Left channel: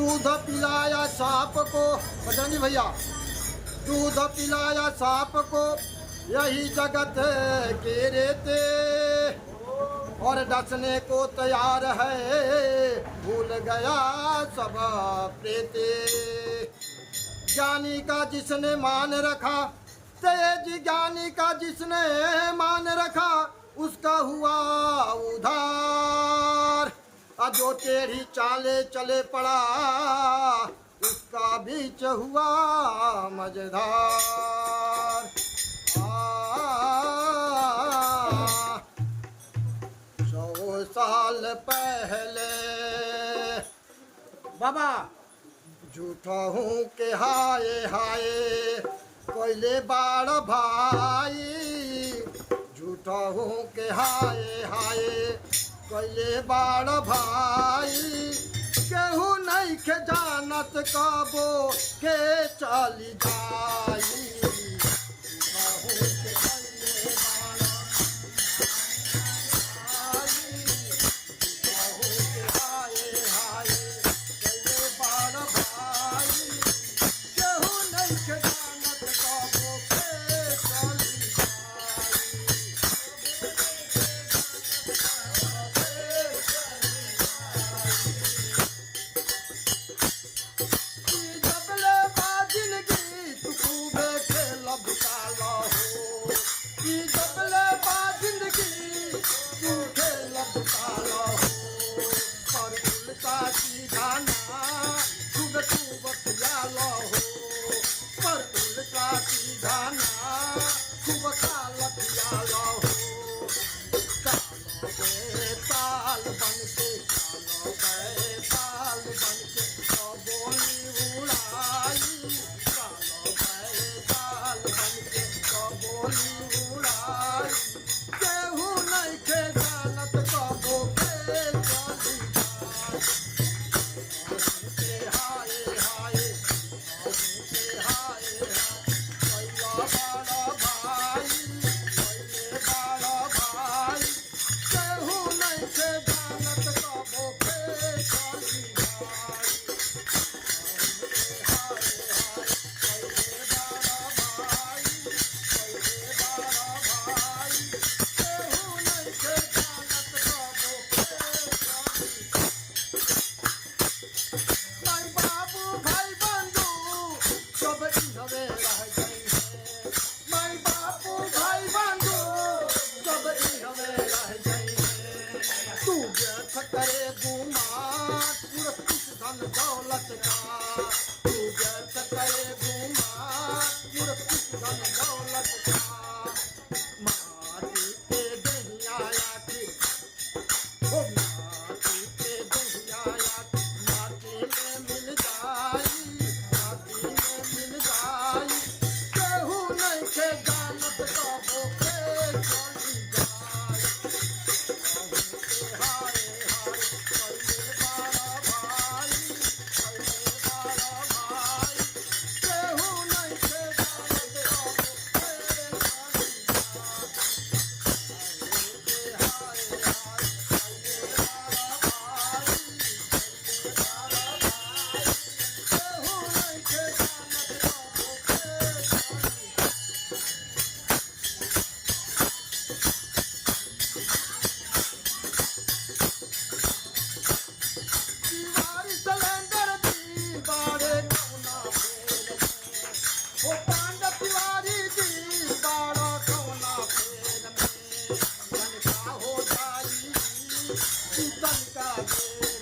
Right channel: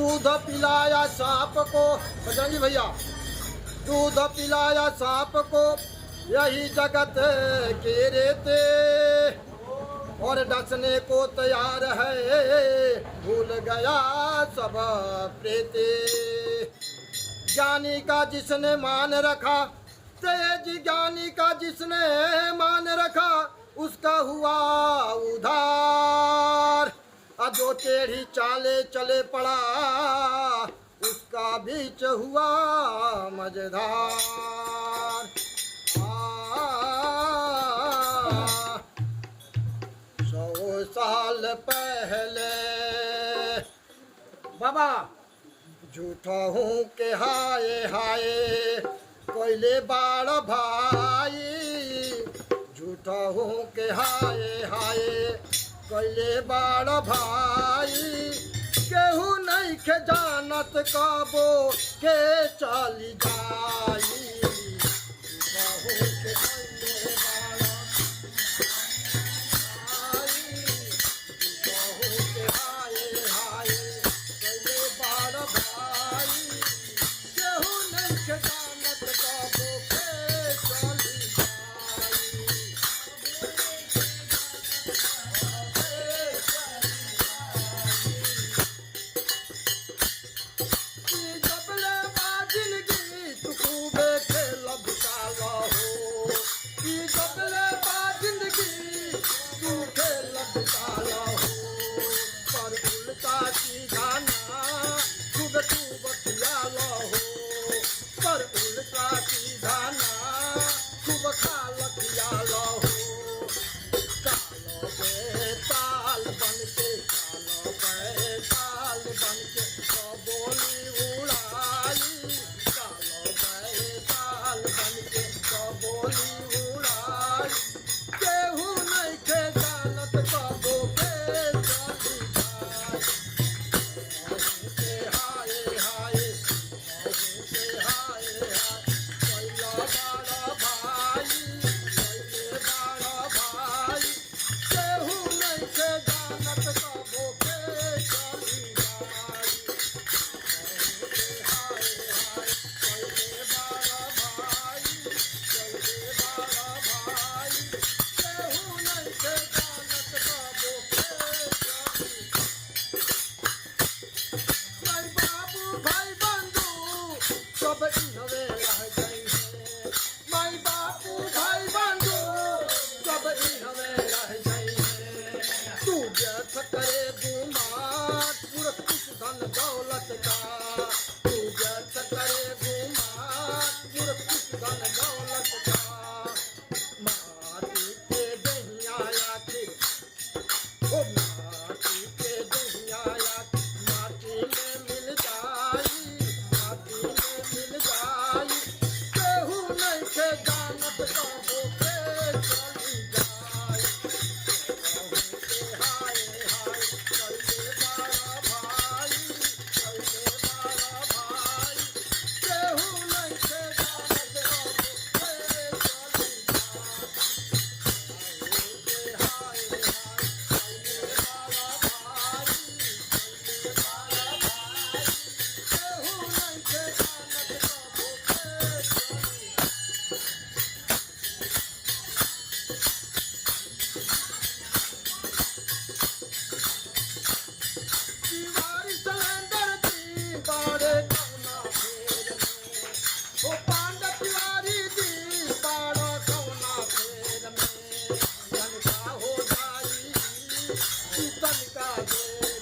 दूध पिलाया सांप को, बजरंगी भैया, दूध पिलाया सांप को यही जगत के रेते, और डसने को तैयार है भूल गया सब प्रेते। ज्ञानी का जिसने मान रखा, तेज ज्ञानी का जिसने मान रखा, उसका हुआ उधार। जो टेढ़ी चाले चले पड़ा, उसका बीच हुआ मजेदार। 100 साल पहले बाबा झूठा हूँ के हाय हाय कोयले बाड़ भाई, झूठा हूँ के हाय हाय कोयले बाड़ भाई। केहू नहीं के जानत काबो के चली जाई, झूठा हूँ के कोयले बाड़ भाई, झूठा हूँ के हाय हाय कोयले बाड़ भाई। केहू नहीं के जानत काबो के चली जाई। जबले बाजिंदगी तू खूबे खेल बिताला हो, जबले बाजिंदगी तू खेल बिताला हो। पर उल्टा सीधा ना खूब खूब खियाला हो, पर उल्टा सीधा ना खूब खाल खियाला हो। चालो बेताल बनके, चालो बेताल बनके तो बोली उड़ाई, चालो बेताल बनके तो बोली उड़ाई। केहू नहीं के जानत कबो के चली जाई। के हाय हाय के हाय हाय कोयला बड़ा भाई, कोयले बड़ा भाई। केहू नहीं के जानत कबो के चली जाई। के हाय हाय कोयले बड़ा भाई, कोयले बड़ा भाई। केहू नहीं के जानत कबो के चली। माई बाबू भाई बंधु सब इनवे रह गई है, माई बाबू भाई बंधु सब इनवे रह गई है। तू व्यर्थ करे गुमान पूरा कुछ धन दौलत का, तू व्यर्थ करे गुमान पूरा कुछ धन दौलत का। माटी के दहिया आखिर, ओ माटी के दहिया आखिर माटी में मिल जाई, माटी में मिल जाई। केहू नहीं के जानत कबो के चली जाई। के हाय हाय कोयले बड़ा भाई, कोयले बड़ा भाई। केहू नहीं के जानत कबो के चली जाई। के हाय हाय कोयले बड़ा भाई, कोयले बड़ा भाई। केहू नहीं के जानत कबो के चली। दीवारी सिलेंडर दी बाड़े कौना फेर में, ओ पांडव तिवारी दी बाड़ा कौना फेर में। तनका हो जाई तनका देर